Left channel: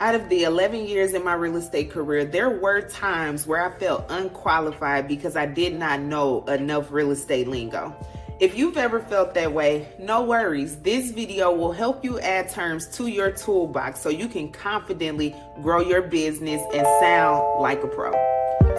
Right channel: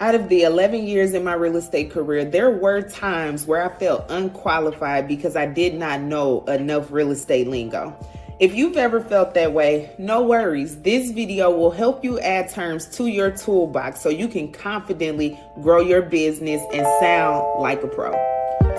Out of the 11 years in my real estate career, there were times where I felt unqualified because I did not know enough real estate lingo. If you've ever felt that way, no worries. This video will help you add terms to your toolbox so you can confidently grow your business and sound like a pro.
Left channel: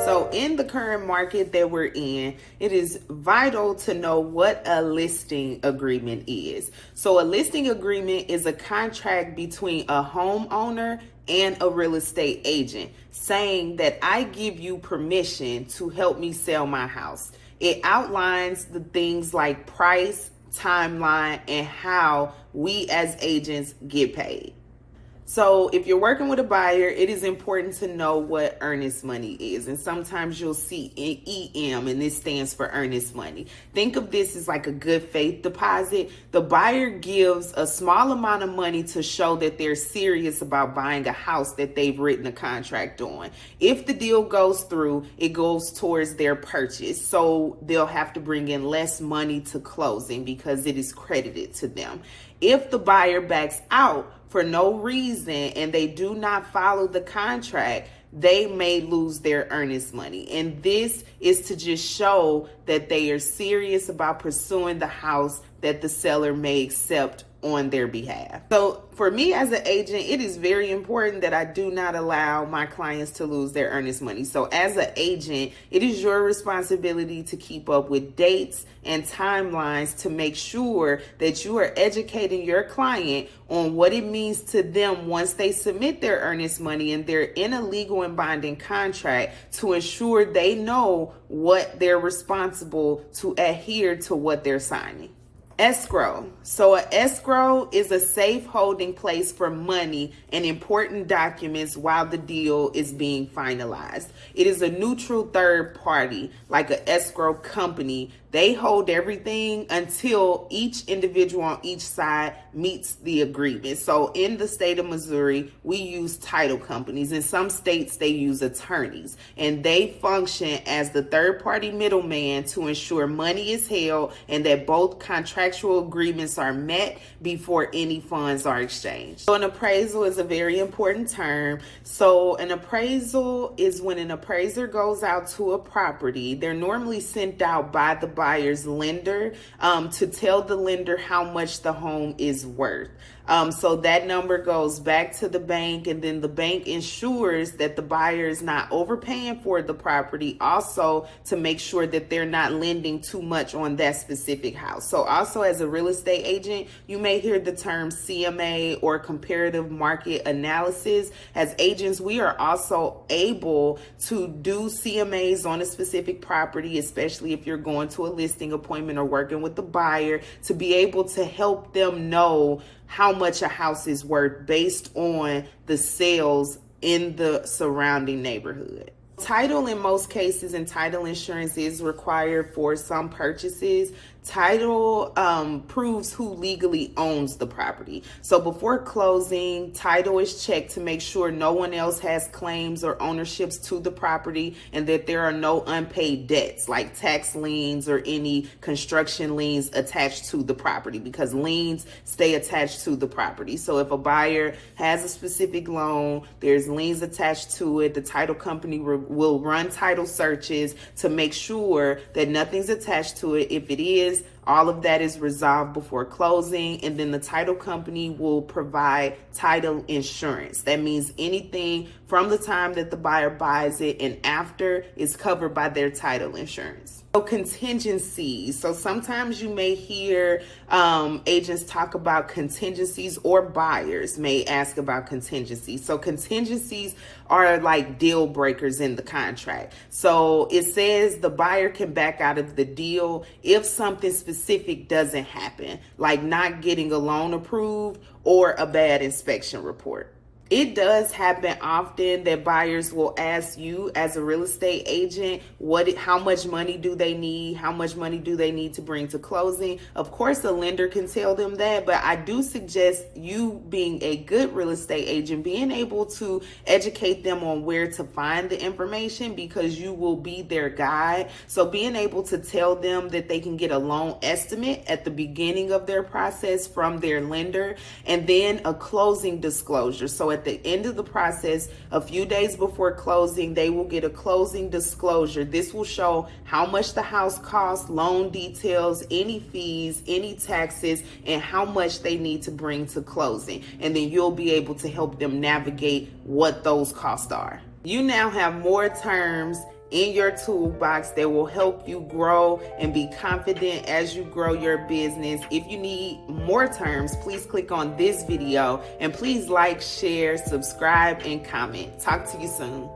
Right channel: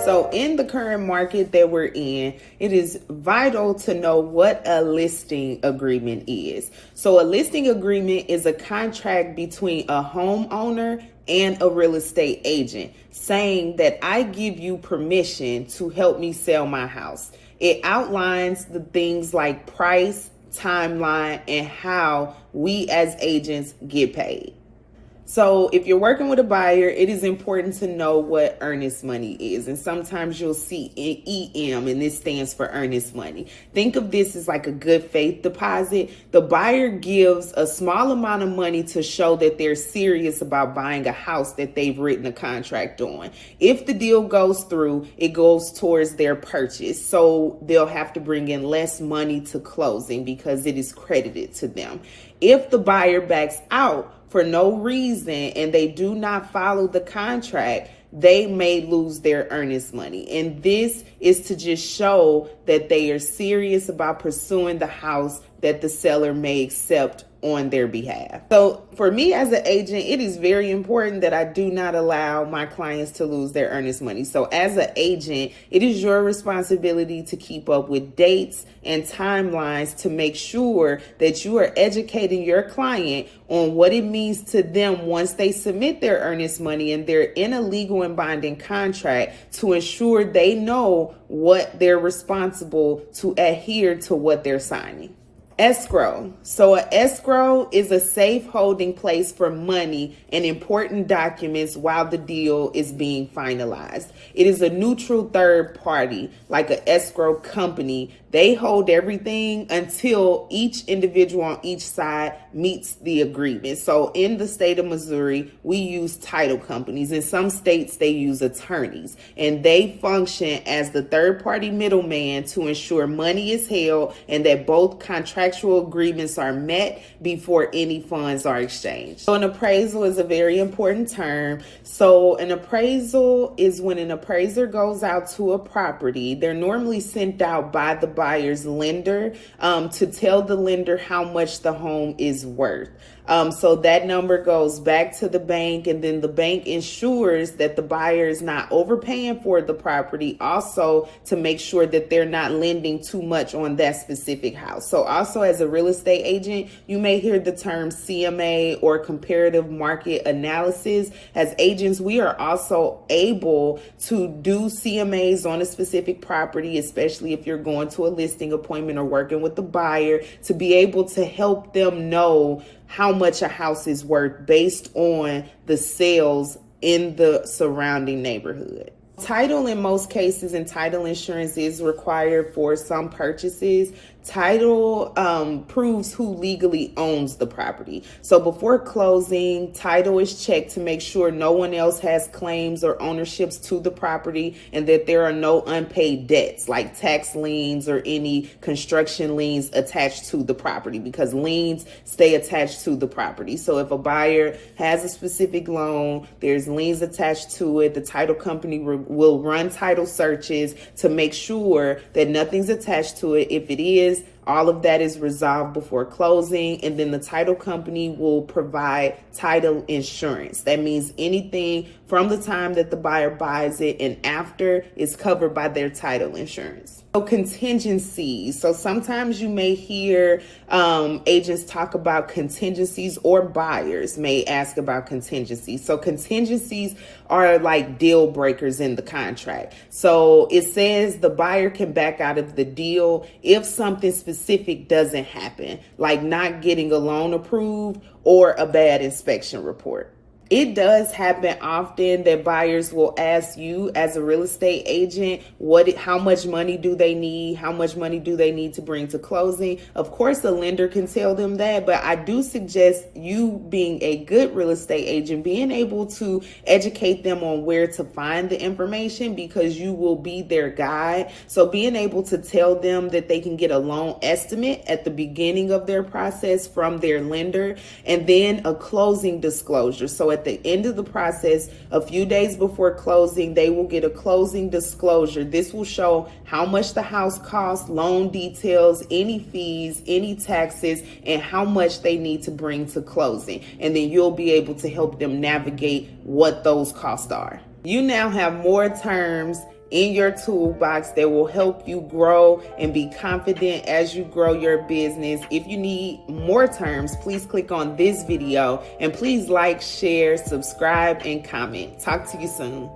So in the current market that we're in, it is vital to know what a listing agreement is. So a listing agreement is a contract between a homeowner and a real estate agent saying that I give you permission to help me sell my house. It outlines the things like price, timeline, and how we as agents get paid. So if you're working with a buyer, it is important to know what earnest money is. And sometimes you'll see EM, and this stands for earnest money. Think of this as like a good faith deposit. The buyer gives a small amount of money to show that they're serious about buying a house that they've written a contract on. If the deal goes through, it goes towards their purchase. So they'll have to bring in less money to closing because it is credited to them. If the buyer backs out for no reason and they do not follow the contract, they may lose their earnest money. And this is to just show that they are serious about pursuing the house that the seller may accept on their behalf. So for me as an agent, it is very important that I do not allow my clients to lose their earnest money. So as an agent, it is your responsibility to keep up with dates and timelines to make sure that you are educating your client on what it means to them once they submit their earnest money and they're in a legal and binding contract to ensure they know what they're responsible to adhere to what they're signing. Escrow. So an escrow is a safe holding place for money and important documents while the deal is being finalized. It is a neutral third party, like an escrow company. They hold everything until each individual on each side meets the agreement. So in the state of Missouri, we use title companies. In some states, they use attorneys, and they function as the third party middleman to ensure money is held and that both contractual agreements are met before any funds are exchanged. So an appraisal is a very important term. So an appraisal is when an appraiser goes out to a property. They're normally sent out by the buyer's lender to tell the lender how much the home is worth. So that number goes back to the bank, and then the bank ensures that the buyer is not overpaying for the property, also to make sure that they're not lending too much on that specific house. So also as a real estate agent, you may hear the term CMA or comparative market analysis. As agents, we are also able to do CMAs on a specific property, especially if you're going to a listing appointment or working with the buyer, to be able to help them know how much a house is worth based on the sales in the surrounding neighborhood. Title in most cases and title insurance is required for some purchases. Title proves who legally owns the property. So before closing, title is checked to make sure no one else has claims or ownerships to the property and that there are no unpaid debts like tax liens or any construction liens attached to the property, because liens stay attached to the property. So if a buyer has a specific loan, there's liens attached to it, the title company will run title searches to make sure that nothing's attached to it. If it is, all of that is resolved before closing, and then the title company will provide title insurance. That means anything from the time that the buyer buys it and after is covered by their title insurance. So contingencies. So sometimes you may hear agents talk about contingencies, or buyers may ask about contingencies. So contingencies are like deal breakers in the contract. So it says the buyer can back out of the deal if something specific doesn't happen, like not getting a loan approved or a bad inspection report. It does happen often that buyers will ask you as a real estate agent, how much money do they need? How much money do they need to bring to closing? Of course, a lender can tell them that, but I do suggest you, being a good real estate agent, being able to educate them on where to find the information, because you will be their guide. So being able to tell them that they can get a loan estimate at the beginning of their process from their lender, and then a closing disclosure. So at at the end of the process, a few days before closing, they will get a closing disclosure. This will show how much the house costs, loan details, any fees, any taxes, and how much they need to bring to closing. And then you'll be able to help them navigate what those costs are. You now have more terms in your toolbox that will help you grow and be confident as you grow your business. If you need more terms, please click on this video and please like, share, subscribe, and comment. Talk to you soon.